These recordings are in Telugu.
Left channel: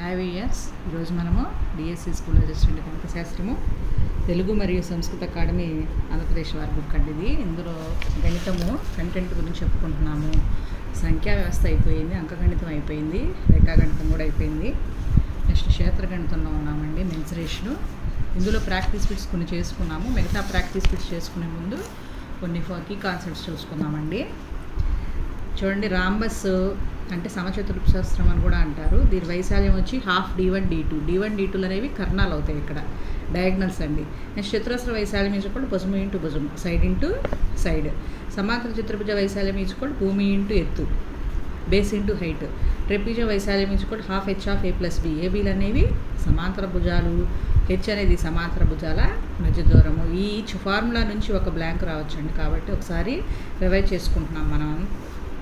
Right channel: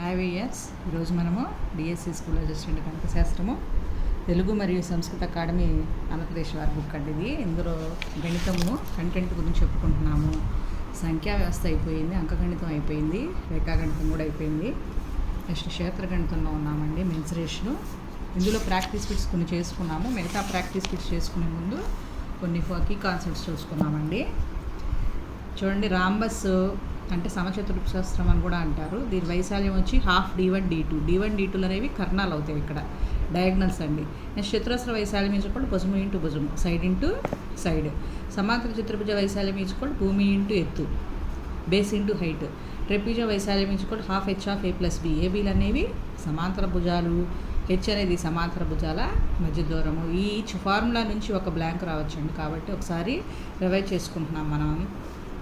హ్యావియర్స్ ఈరోజు మనము డిఎస్సి స్కూల్ అసిస్టెంట్ గణిత శాస్త్రము తెలుగు మరియు సంస్కృత అకాడమీ ఆంధ్రప్రదేశ్ వారి బుక్ అండి ఇది. ఇందులో గణితము కంటెంట్ గురించి చెప్పుకుంటున్నాము. సంఖ్యా వ్యవస్థ అయిపోయింది, అంకగణితం అయిపోయింది, రేఖాగణితం కూడా అయిపోయింది. నెక్స్ట్ క్షేత్రగణితంలో ఉన్నామండి, మెన్సురేషను. ఇందులో ప్రాక్టీస్ బిట్స్ కొన్ని చేసుకున్నాము. మిగతా ప్రాక్టీస్ బిట్స్ చేసుకునే ముందు కొన్ని కీ కాన్సెప్ట్స్ చూసుకున్నామండి. చూడండి, రాంబస్ అంటే సమచతుర్భుజాస్త్రం అని కూడా అంటారు. దీని వైశాల్యం వచ్చి half D1 D2. D1 D2 అనేవి కర్ణాలు అవుతాయి, ఇక్కడ డయాగ్నల్స్ అండి. నెక్స్ట్ చతురస్ర వైశాల్యం ఈజ్వల్ భుజము ఇంటూ భుజము, సైడ్ ఇంటూ సైడ్. సమాంతర చతుర్భుజ వైశాల్యం ఈజ్వల్ భూమి ఇంటూ ఎత్తు, బేస్ ఇంటూ హైట్. ట్రెపీజ వైశాల్యం equal half H of A plus B. ఏబీలు అనేవి సమాంతర భుజాలు, హెచ్ అనేది సమాంతర భుజాల మధ్య దూరము. ఈ ఫార్ములా నుంచి ఒక బ్లాంక్ రావచ్చండి, కాబట్టి ఒకసారి రివైజ్ చేసుకుంటున్నాం మనం.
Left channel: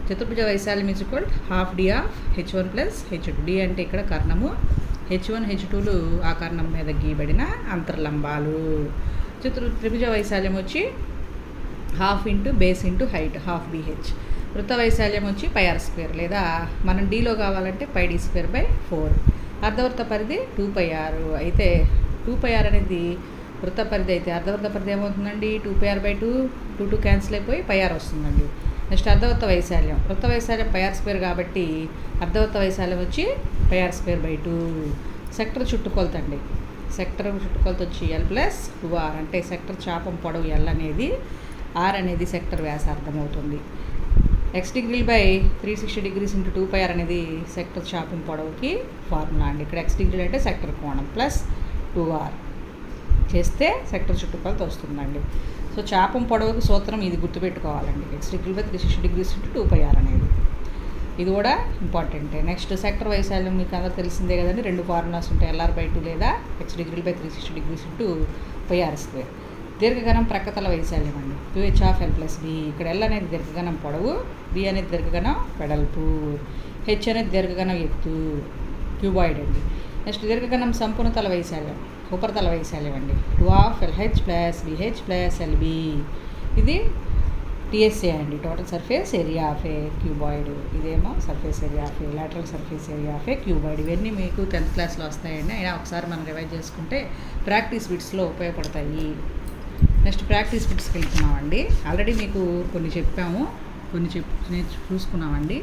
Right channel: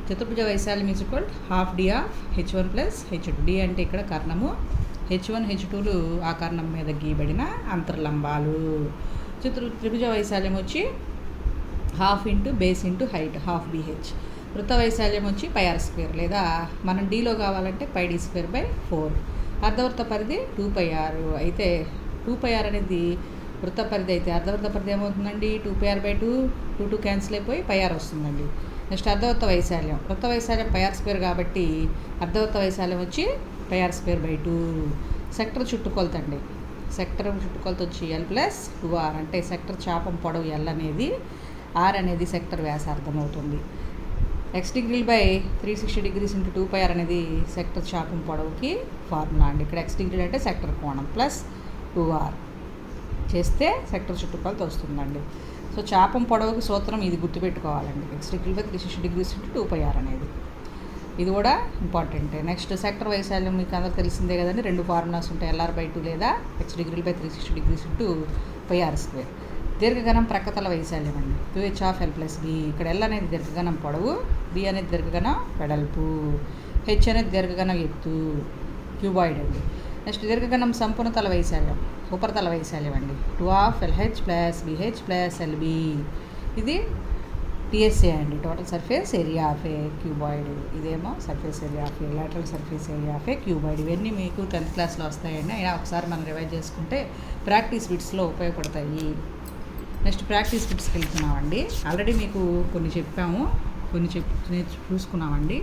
చతుర్భుజ వైశాల్యం equal half D of H1 plus H2. D అంటే ఇక్కడ కర్ణము, H1 H2లు ఆ కర్ణం మీద గీయబడిన అంతర్లంబాలు. త్రిభుజ వైశాల్యం వచ్చి half into base into height, half BH. వృత్త వైశాల్యం వచ్చి πr², లేదా మనం డీలో కావాలంటే πd²/4. అర్ధవృత్త పరిధి 2πr. అయితే 2πr అనేది వృత్త పరిధి అయితే అర్ధవృత్త పరిధి ఏమవుతుందండి, 2πr/2. 2 క్యాన్సిల్ అయిపోయి πr వస్తుందండి. నెక్స్ట్ అర్ధవృత్త వైశాల్యం, వృత్త వైశాల్యం πr² కాబట్టి అర్ధవృత్త వైశాల్యం వచ్చి πr²/2. సెక్టర్ చుట్టుకొలత అండి, సెక్టర్ చుట్టుకొలత వచ్చి L+2R. అంటే సెక్టర్ చాపం పొడవు L అనేది, R అనేది సెక్టర్ వ్యాసార్థం అవుతుంది. x°/360° ఇంటూ 2πr అనేది సెక్టర్ చాపం పొడవుకి ఫార్ములా అండి. ఇక్కడ x° అంటే సెక్టర్ కోణం ప్లస్ 2R చేస్తే సెక్టర్ చుట్టుకొలత వస్తుందండి. సో చాపం పొడవుకి సూత్రం ఇది గుర్తుపెట్టుకోవాలండి, x°/360° ఇంటూ 2πr అనేది. ఇది కూడా ఇంపార్టెంటే. నెక్స్ట్ సెక్టర్ వైశాల్యం మీకు అందరూ తెలిసిందే కదండి, రెండు ఫార్ములాస్ ఉంటాయి, LR/2 లేదా x°/360° ఇంటూ πr². దీర్ఘగణం ప్రక్కతల వైశాల్యం అండి, 2H of L plus B. ఇక్కడ L అనేది దీర్ఘగణం పొడవు, B అనేది దీర్ఘగణం వెడల్పు, H అనేది దీర్ఘగణం ఎత్తు, క్యూబాయిడ్ అండి. నెక్స్ట్ దీర్ఘగణం సంపూర్ణ తల వైశాల్యం, ఉపరితల వైశాల్యం అండి, 2 of LH plus BH plus LB. ఇది TSA అండి, total surface area of a cuboid. ఇదేమో surface area of a, lateral surface area of a cuboid. ఇవన్నీ మీకు 10th క్లాస్లో వస్తాయండి, అయినా ఒకసారి మనం రివైజ్ చేసుకుంటే ప్రాక్టీస్ బిట్స్లో ఉపయోగపడతాయి. నెక్స్ట్ ప్రాక్టీస్ బిట్స్కి వెళ్తున్నామండి. ఆల్రెడీ మీకు కొన్ని చెప్పాము, కొన్ని చూసుకున్నామండి.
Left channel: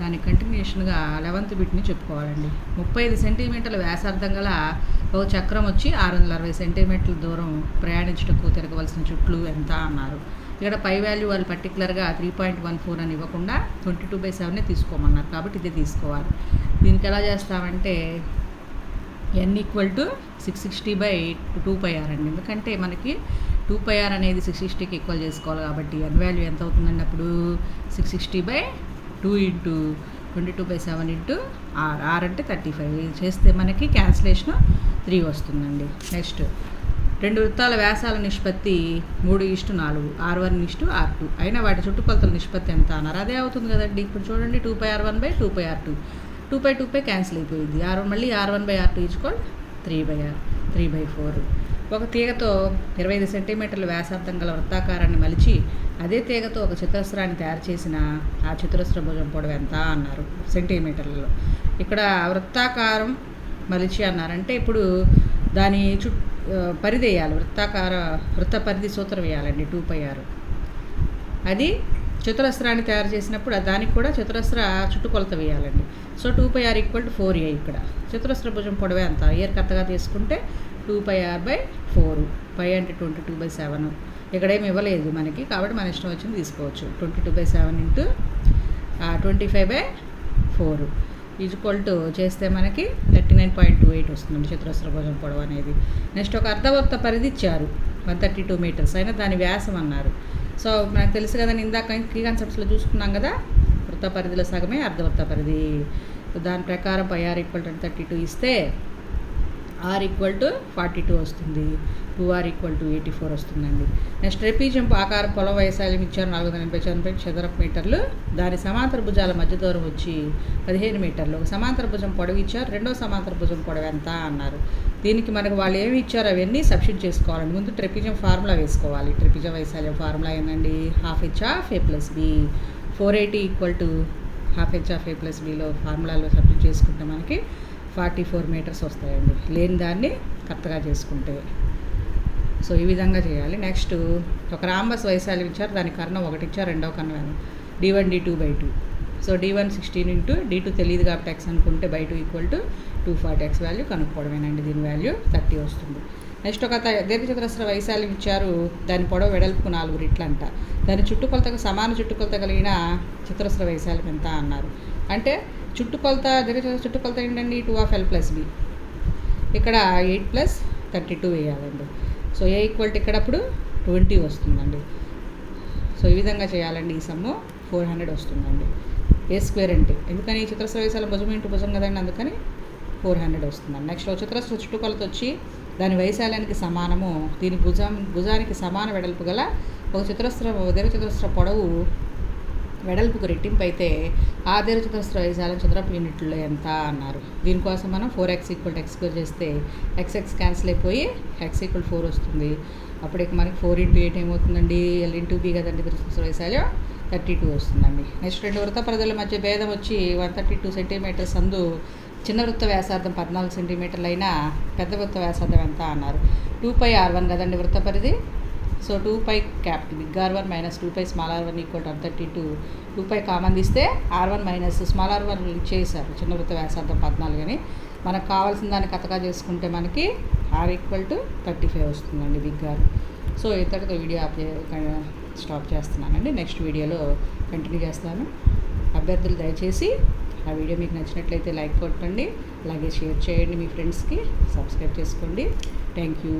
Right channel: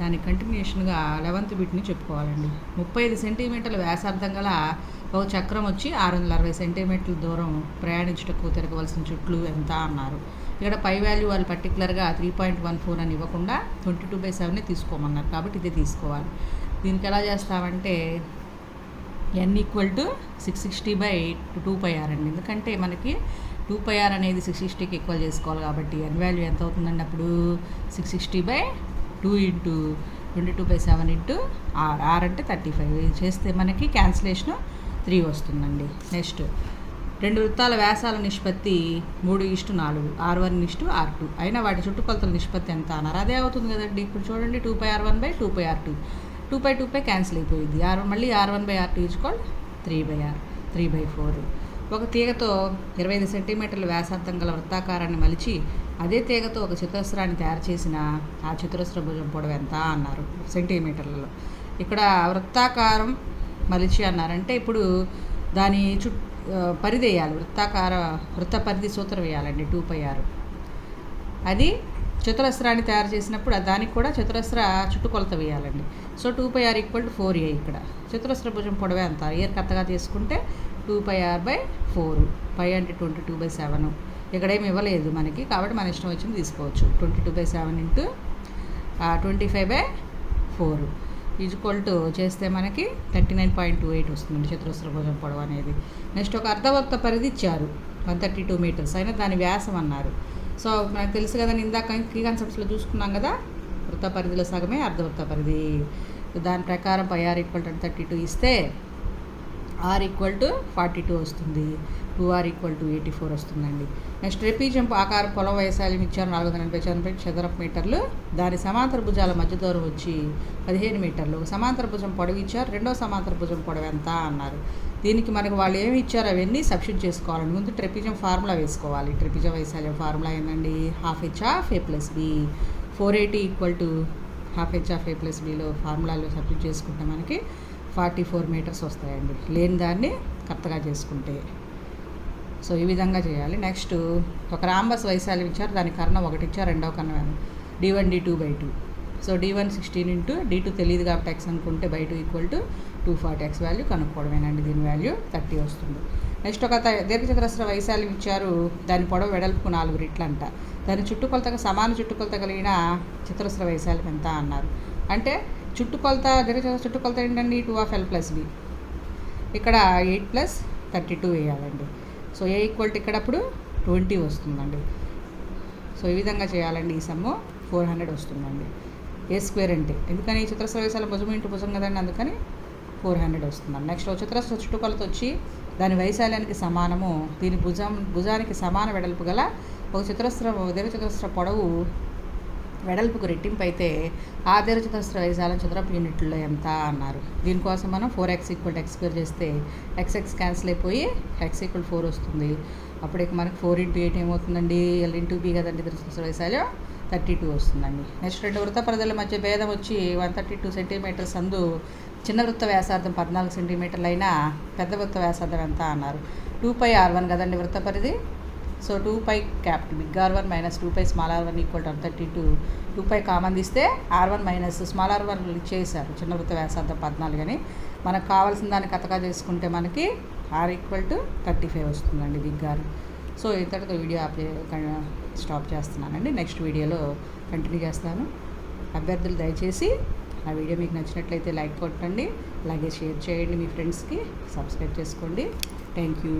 దాని కంటిన్యూషన్గా 11th బిట్ని చెప్పుకోవాలండి. 35 సెంటీమీటర్ల వ్యాసార్థం గల ఒక చక్రం వచ్చి 660 సెంటీమీటర్ల దూరం ప్రయాణించుటకు తిరగవలసిన చుట్లు ఎంత అన్నారు. ఇక్కడ పై వాల్యూ వాళ్ళు పర్టికులర్గా 3.14 అని ఇవ్వకుండా 22/7 తీసుకోమన్నారు, కాబట్టి ఇదే తీసుకోవాలి. దీనికి ఎలా చేస్తామంటే n = 660/2πr అండి. ఎందుకంటే మనకి 2πr అనేది 660కి ఈక్వల్ చేసుకోవాలి, కాబట్టి n వాల్యూ ఎంత అవుతుందండి అప్పుడు 660/2 ఇంటూ 22/7 ఇంటూ R. R అంటే 35. చేస్తే మనకి క్యాన్సిలేషన్ 3 వస్తుందండి. నెక్స్ట్ రెండు వృత్తాల వ్యాసాల నిష్పత్తి 3:4, R1:R2. అయినా వాటి చుట్టుకొలతల నిష్పత్తి ఎంత అన్నారు, అదే అవుతుంది కదండి. ఇప్పుడు చూడండి, 2πr1/2πr2, 2π క్యాన్సిల్ అయిపోయింది. మళ్ళీ R1/R2 = 3/R, 3/4. ఒక తీగతో 25 సెంటీమీటర్ల వ్యాసార్థం గల వృత్తాకారాన్ని మలిచి అదే తీగతో ఒక చతురస్రాన్ని తయారు చేసిన ఆ చతురస్ర భుజం పొడవు ఎంత అన్నారు సెంటీమీటర్లలో. ఇక్కడ వృత్తాకారం మలిచి అన్నారంటే ఇప్పుడు దాని పరిధి వేయాలి, వృత్త పరిధి సూత్రం వేయాలండి, 2πr. అది చతురస్రాన్ని తయారు చేసినప్పుడు దానికి కూడా చతురస్ర చుట్టుకొలత వేయాలండి. So 2πr = 4a. ఇక్కడ చతురస్ర భుజం పొడవే అంత ఇయర్ కత్తగా తీసుకుంటే 2πr/4. పై అంటే 22/7. ఇక్కడేమి ఇవ్వలేదు మనకి, కాబట్టి మన ఇష్టం వచ్చింది తీసుకోవచ్చు. 22/7 ఇంటూ 25/4 చేస్తే మనకి 39.28 వస్తుందండి చతురస్ర భుజం పొడవు అనేది. నెక్స్ట్ ఒక అర్ధవృత్త పరిధి ఇచ్చారు 132 మీటర్స్, అయినా దాని వ్యాసం అన్నారు. సో మనకు తెలుసు కదండి, ఇందాక కీ కాన్సెప్ట్స్లో చూసుకున్నాం కదా, వృత్త పరిధిలో సగమే అర్ధవృత్త పరిధి. దాని ప్రకారం πr = 32 ఇస్తే R = 42 వస్తుంది, 2R = 84 వస్తుందండి. నెక్స్ట్ ట్రెపీజియం ఆకారం పొలం వైశాల్యం ఇచ్చారు 480 చదరపు మీటర్లు. దాని సమాంతర భుజాల మధ్య దూరం వచ్చి 15 మీటర్లు. ఒక సమాంతర భుజం పొడవు ఇచ్చారు, రెండో సమాంతర భుజం పొడవు ఎంత అన్నారు. దీనికి మనకు వాళ్ళు ఏమి ఇచ్చారో అవన్నీ సబ్స్టిట్యూట్ చేసుకోవాలండి. ముందు ట్రెపీజియం ఫార్ములా వేసుకోవాలి. ట్రెపీజియం వైశాల్యం ఫార్ములా ఏంటండి, half H of A plus B. 480 = ½ H of A plus Bలో ఫార్ములాలో సబ్స్టిట్యూట్ చేసుకుంటే మనకి 44 మీటర్స్ వస్తాయండి, లేని దాన్ని కరెక్ట్గా చేసుకుంటే. సో ఈ విధంగా చేయాలి. నెక్స్ట్ ఒక రాంబస్ వైశాల్యం ఇచ్చారు, దాని కర్ణం 1 ఇచ్చారు, రెండవ కర్ణం D1 D2/2. So D1 16 into D2 తెలియదు కాబట్టి x అనుకుంటే /2 = 240. x వాల్యూ కనుక్కోవడమేనండి, దీని వాల్యూ 30 వస్తుంది. నెక్స్ట్ ఒక దీర్ఘచతురస్ర వైశాల్యం ఇచ్చారు, దాని పొడవు వెడల్పుకు 4 రెట్లు అంట. దాని చుట్టుకొలతకు సమాన చుట్టుకొలత కలిగిన చతురస్ర వైశాల్యం ఎంత అన్నారు. అంటే చుట్టుకొలత దీర్ఘచతురస్ర చుట్టుకొలత ఏంటండి 2 + b. ఇక్కడ 8 + 32 వేయాలండి. సో a = ఇక్కడ అప్పుడు 20 వస్తుందండి. సో ఈ విధంగా చేయాలండి. ఈ సమ్ము 400 వస్తుందండి. a² అంటే ఎందుకని చతురస్ర వైశాల్యం భుజం ఇంటూ భుజం కదండి, అందుకని 400 వస్తుందండి. నెక్స్ట్ చతురస్ర చుట్టుకొలత వచ్చి దాని వైశాల్యానికి సమానము, దీని భుజానికి సమాన వెడల్పు గల ఒక దీర్ఘచతురస్ర పొడవు వెడల్పుకు రెట్టింపు అయితే ఆ దీర్ఘచతురస్ర వైశాల్యం చదరపు యూనిట్లో ఎంత అన్నారు. దీనికోసం మనం 4x = x² చేస్తే x క్యాన్సిల్ అయిపోయి x = 4 వస్తుంది. అప్పుడు ఇక మనకి 4 × 8 ఏమవుతుందండి, L × b కదండి, దీర్ఘచతురస్ర వైశాల్యం 32 వస్తుందండి. నెక్స్ట్ రెండు వృత్త పరిధుల మధ్య భేదం వచ్చి 132 సెంటీమీటర్స్ అందు చిన్న వృత్త వ్యాసార్థం 14 సెంటీమీటర్లు అయినా పెద్ద వృత్త వ్యాసార్థం ఎంత అన్నారు. 2πr1 కదండి వృత్త పరిధి. So 2π big R1 - 2π small r1 = 132. 2π common తీస్తే r1 - స్మాల్ r1 ఇచ్చేసారు, చిన్న వృత్త వ్యాసార్థం 14 అని. మనకు కావాల్సిన దాన్ని కథగా చేసుకుంటే మనకి r = 35 వస్తుందండి, బిగ్ R. సో ఇంతటితో వీడియో స్టాప్ చేస్తున్నానండి. నెక్స్ట్ వీడియోలో కంటిన్యూ చేస్తాను. అభ్యర్థులు దయచేసి ఆ వీడియో మీకు నచ్చినట్లయితే లైక్ కొట్టండి, అలాగే షేర్ చేయండి, మీ ఫ్రెండ్స్కి సబ్స్క్రైబ్ చేసుకోండి. Thank you.